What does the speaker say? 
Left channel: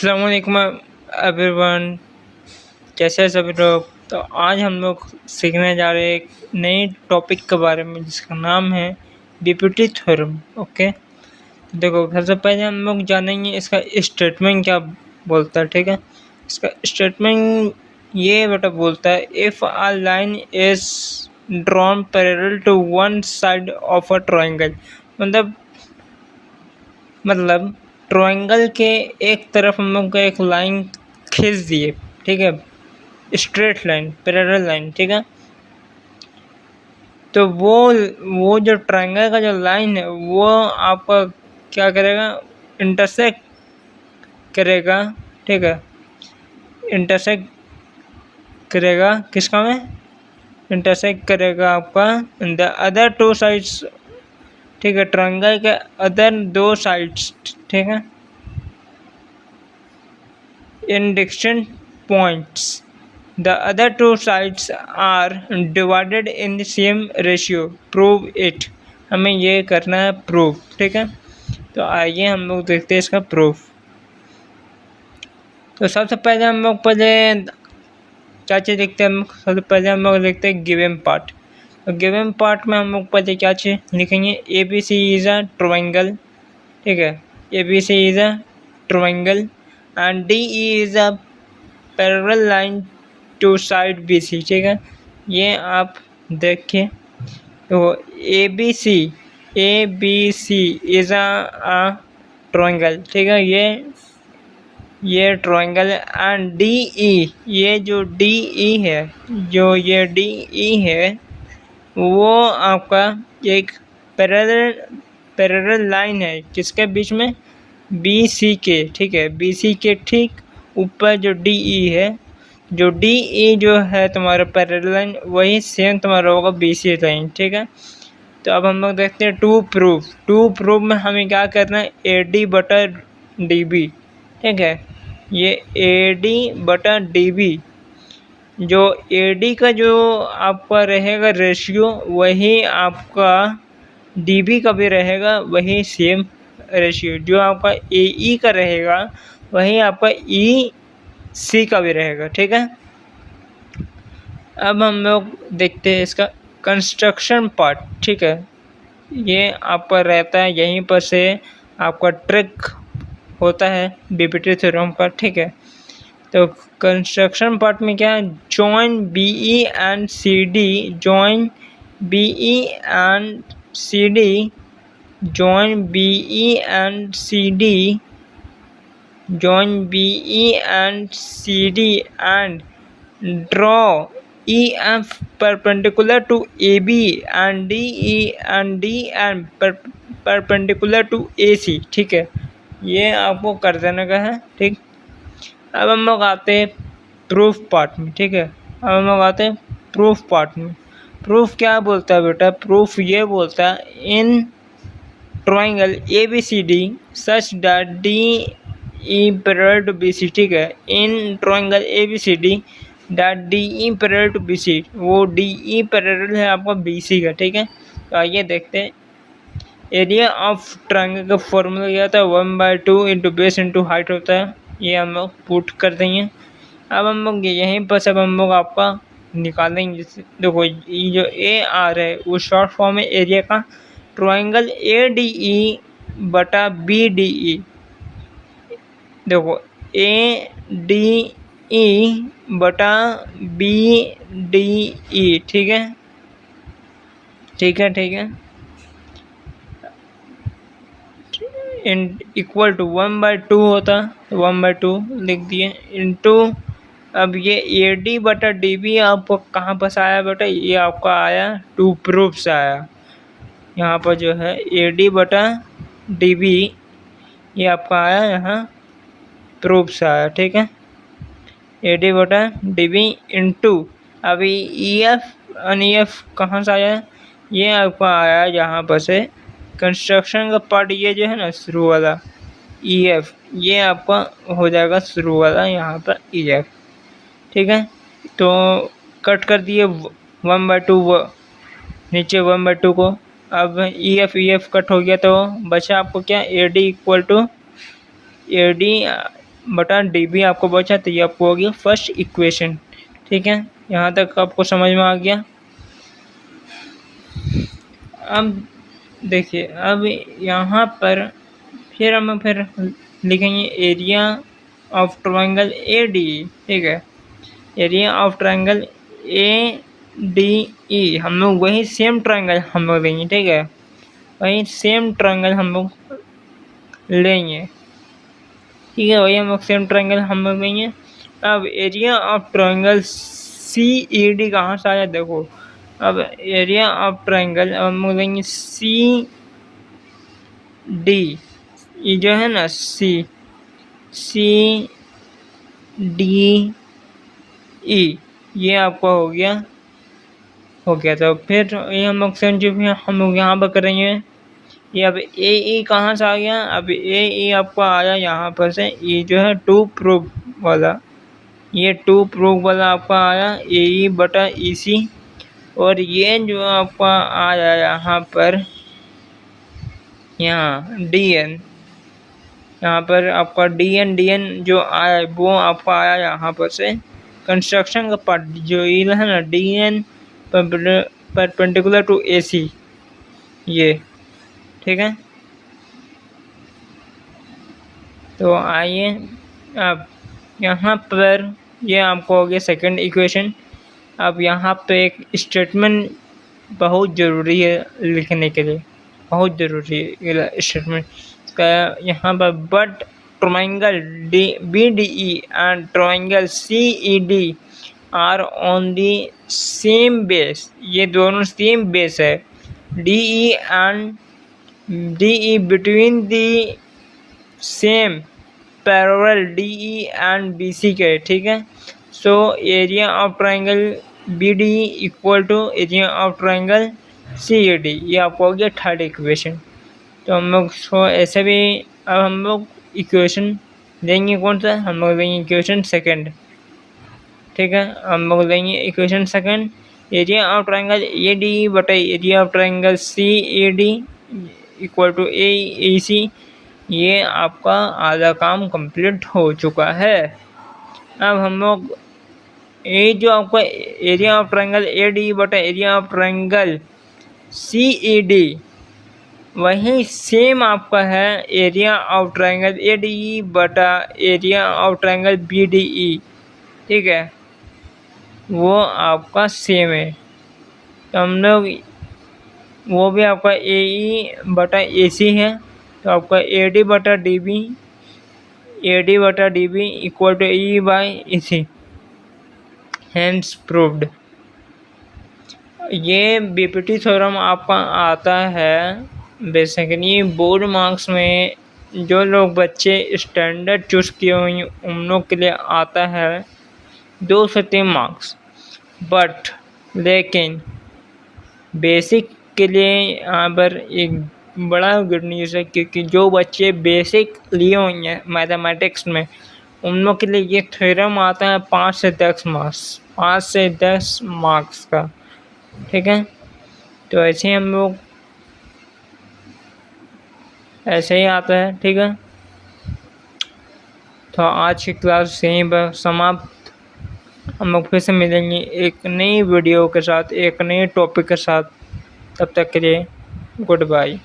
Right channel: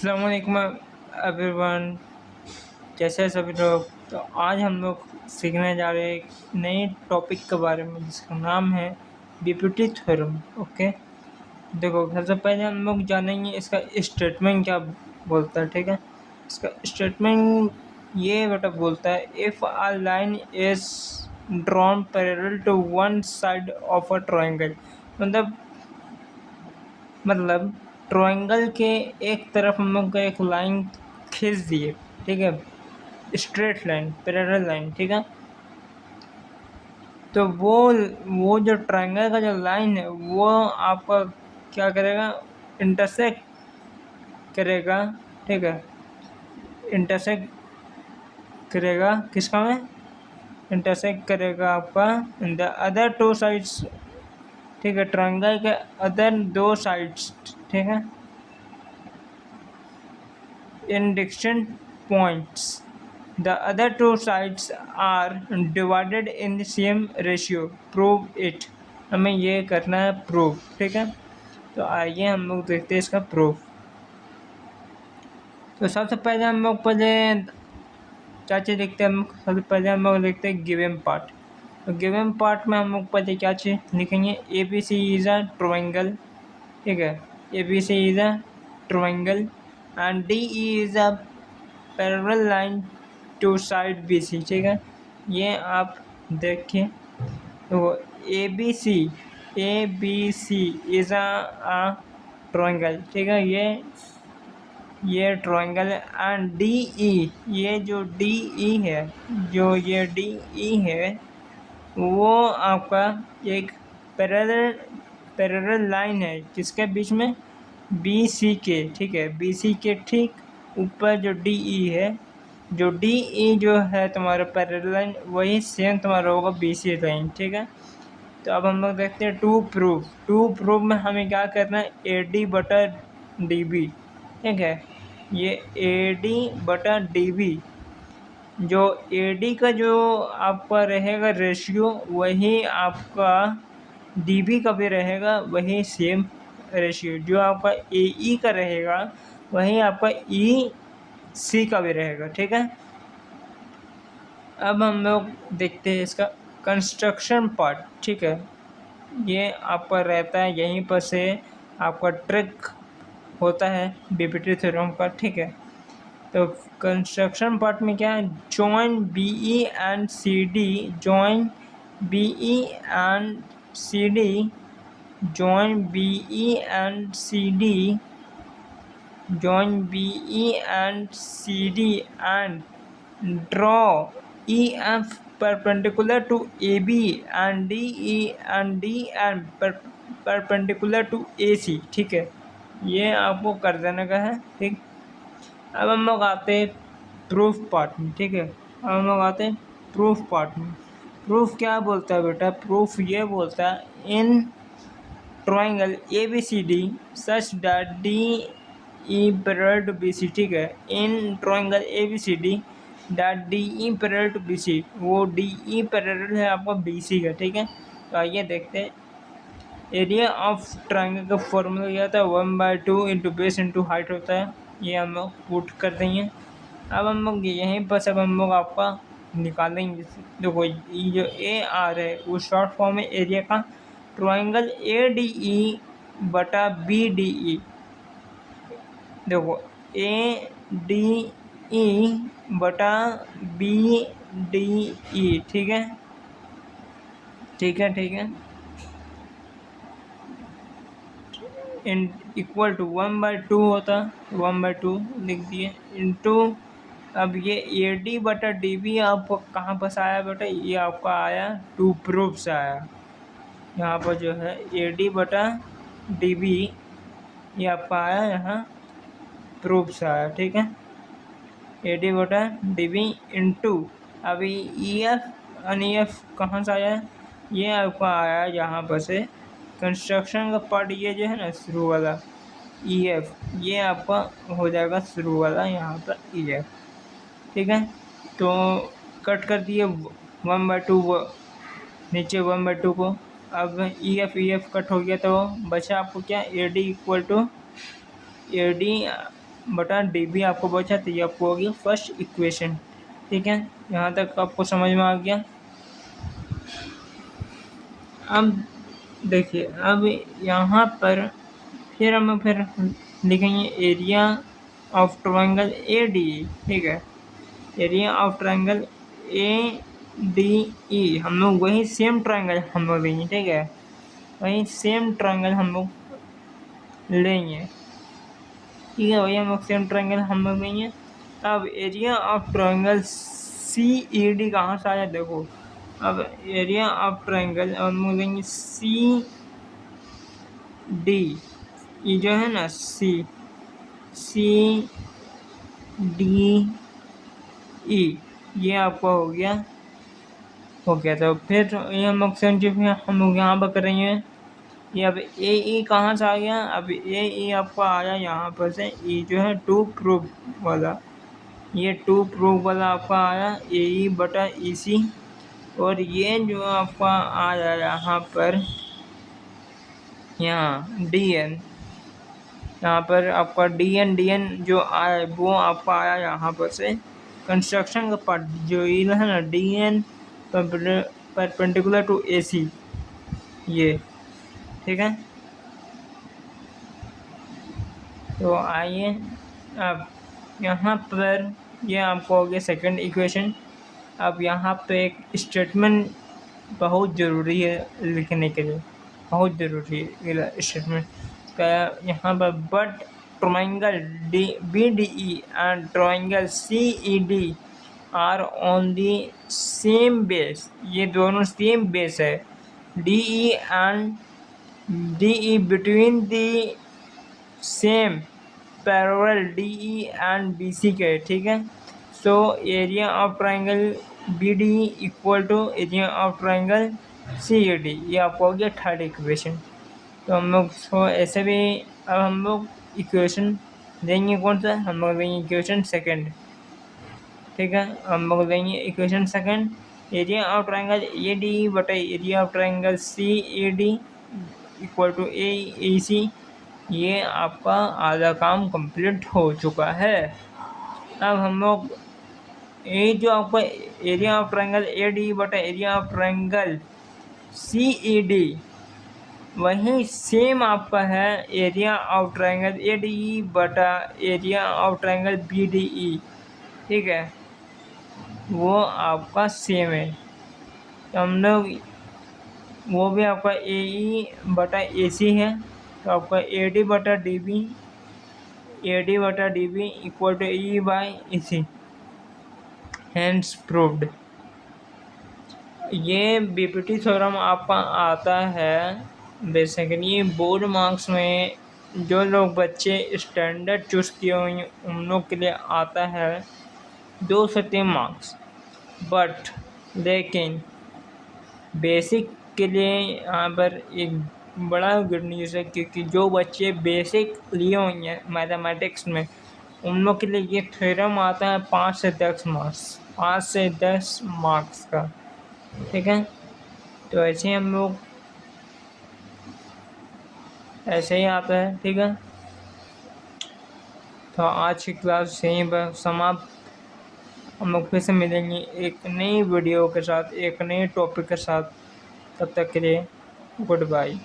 अस्सलाम वालेकुम एवरीवन, कैसे हैं सभी लोग। तो आज हम लोग सीखने जा रहे हैं एक नए टॉपिक के बारे में जिसका नाम है बीपीटी थ्योरम। ओके, देखो सबसे पहले हम लोग जानेंगे इसका स्टेटमेंट क्या बोलता है। ठीक है, इसका स्टेटमेंट ये बेटा बोलता है if a line is drawn parallel to one side of a triangle. मतलब ट्रायंगल के एक तरफ हम लोग को एक लाइन खींच दिए। ठीक है, स्ट्रेट लाइन, पैरेलल लाइन। ठीक है, तो वो जो ट्रायंगल का जो लाइन है वो आपका क्या करेगा, इंटरसेक्ट करेगा। ठीक है, इंटरसेक्ट करेगा किसका में, इंटरसेक्ट करेगा आपका द अदर टू साइड्स। ठीक है, ट्रायंगल के अदर दो साइड्स। ठीक है, in distinct points. The other two sides are divided in the same ratio. Prove it. हमें ये करना है प्रूव। ठीक है, तो आइए हम लोग देखते हैं इसका प्रूफ। तो सबसे पहले हम लोग क्या चीज़ देखते हैं, सबसे पहले हम लोग देखते हैं गिवन पार्ट। तो गिवन पार्ट में हम लोग पहले क्या चीज़ लिखेंगे, A B C is a triangle. ठीक है, A B C is a triangle and D E is a parallel line to side B C. ठीक है, ये आप देखिए। तो A B C is a triangle. ठीक है, ये ट्रायंगल एंड डी ई, ये जो डी ई है, जो ये डी ई है वो आपका एक पैरेलल लाइन है किसके बीच में, बी सी के। ठीक है, बी सी के ठीक ऊपर जो डी ई है, जो डी ई जो है तुम्हारा पैरेलल लाइन वही सेम तुम्हारा होगा बी सी लाइन। ठीक है, तो अब हम लोग देखते हैं टू प्रूफ में हमें क्या करना है, ए डी बटा डी बी। ठीक है, ये ए डी बटा डी बी, जो ए डी का जो आपका रहेगा रेशियो वही आपका डी बी का भी रहेगा, वही सेम रेशियो। जो आपका ए ई का रहेगा वही आपका ई सी का भी रहेगा। ठीक है, अब हम लोग देखते हैं इसका कंस्ट्रक्शन पार्ट। ठीक है, ये आपका रहता है, यहीं पर से आपका ट्रिक होता है बीपीटी थ्योरम का। ठीक है, तो कंस्ट्रक्शन पार्ट में क्या है, join B E and C D, join B E and C D, join B E and C D, join B E and C D and draw EF perpendicular to AB and DE and DN perpendicular to AC। ठीक है, ये आपको कर देने का है। ठीक, अब हम लोग आते हैं प्रूफ पार्ट में। ठीक है, अब हम लोग आते हैं प्रूफ पार्ट में। प्रूफ क्या बोलता है बेटा, प्रूफ ये बोलता है in triangle A B C D such that D E parallel to B C. ठीक है, in triangle A B C D that D E parallel to B C, वो डी ई पैरेलल है आपका B C का। ठीक है, तो आइए देखते हैं। एरिया ऑफ ट्रायंगल का फॉर्मूला क्या होता है, 1/2 इंटू बेस इंटू हाइट होता है। ये हम लोग पुट कर देंगे। अब हम लोग यहीं पर सब हम लोग आपका निकालेंगे। जैसे देखो, ये जो ए आर है वो शॉर्ट फॉर्म है एरिया का, ट्रायंगल ए डी ई बटा बी डी ई। देखो, ए डी ई बटा बी डी ई। ठीक है, ठीक है, ठीक है, इन इक्वल टू 1/2 होता, 1/2 लिख दिए इंटू। अब ये ए डी बटा डी बी आपको कहाँ पर से आया बेटा, ये आपका आया टू प्रूफ से आया। यहाँ पर जो है ए डी बटा डी बी ये आपका आया यहाँ प्रूफ से आया। ठीक है, ए डी बटा डी बी इंटू अभी E F N E F कहाँ से आया है, ये आपका आया यहाँ पर से कंस्ट्रक्शन का पार्ट, ये जो है ना शुरू वाला ई एफ, ये आपका हो जाएगा शुरू वाला यहाँ पर ई एफ। ठीक है, तो कट कर दिए 1/2 नीचे 1/2 को। अब ई एफ कट हो गया तो बचा आपको क्या, A D equal to A D बटा डी बी आपको बचा, तो ये आपको हो गया फर्स्ट इक्वेशन। ठीक है, यहाँ तक आपको समझ में आ गया। अब देखिए, अब यहाँ पर फिर हम लिखेंगे area of triangle A D. ठीक है, area of triangle A D ई, हम लोग वही सेम ट्रायंगल हम लोग लेंगे। ठीक है, वही सेम ट्रायंगल हम लोग लेंगे। ठीक है, वही हम लोग सेम ट्रायंगल हम लोग लेंगे। अब area of triangle C E D कहाँ से आया, देखो। अब एरिया ऑफ ट्रायंगल हम लोग लेंगे सी डी, ये जो है ना सी डी ई, ये आपका हो गया। तो फिर ये हम लोग सेम जो हम लोग यहाँ पर करेंगे। ये अब ए ई कहाँ से आ गया, अब ए ई आपका आया यहाँ पर से, ये जो है टू प्रूफ वाला, ये टू प्रूफ वाला आपका आया ए ई बटा ई सी। और ये जो आपका आया यहाँ पर, यहाँ डी एन, यहाँ पर आपका डी एन जो आया वो आपका आया यहाँ पर से कंस्ट्रक्शन का पार्ट, जो ये है ना D N perpendicular to A C, ये। ठीक है, तो आइए अब यहाँ पर ये आपको हो गया सेकंड इक्वेशन। अब यहाँ पे एक स्टेटमेंट बहुत ज़रूरी है लिखने के लिए, बहुत ज़रूरी है स्टेटमेंट का यहाँ पर। But triangle B D E and triangle C E D are on the same base, ये दोनों सेम बेस है। D E and D E between the same parallel D E and B C के। ठीक है, so area of triangle B D E equal to area of triangle C A D, ये आपको हो गया third equation. तो हम लोग सो ऐसे भी अब हम लोग इक्वेशन देंगे कौन सा, हम लोग देंगे इक्वेशन सेकंड। ठीक है, हम लोग देंगे equation second, area of triangle A D बटा area of triangle C A D equal to A C. ये आपका आधा काम कंप्लीट हो चुका है। अब हम लोग ये जो आपका area of triangle A D बटा area of triangle C E D, वही सेम आपका है area of triangle A D E बटा area of triangle B D E. ठीक है, वो आपका सेम है। तो हम लोग वो भी आपका ए ई बटा ए सी है, तो आपका ए डी बटा D B equal to E by E C, hence proved. ये बीपीटी थ्योरम आपका आता है बेसिकली बोर्ड मार्क्स में। जो लोग बच्चे स्टैंडर्ड चूज़ किए हुए उन लोग के लिए आता है 2 से 3 मार्क्स। बट लेकिन बेसिक के लिए यहाँ पर एक बड़ा गुड न्यूज़ है, क्योंकि जो बच्चे बेसिक लिए हुए हैं मैथमेटिक्स में उन लोग के लिए ये थ्योरम आता है 5 से 10 मार्क्स का। ठीक है, तो ऐसे हम लोग ऐसे ही आता है। ठीक है, तो आज की क्लास यहीं पर समाप्त। हम लोग फिर से मिलेंगे एक नई वीडियो के साथ, एक नए टॉपिक के साथ। तब तक के लिए गुड बाय।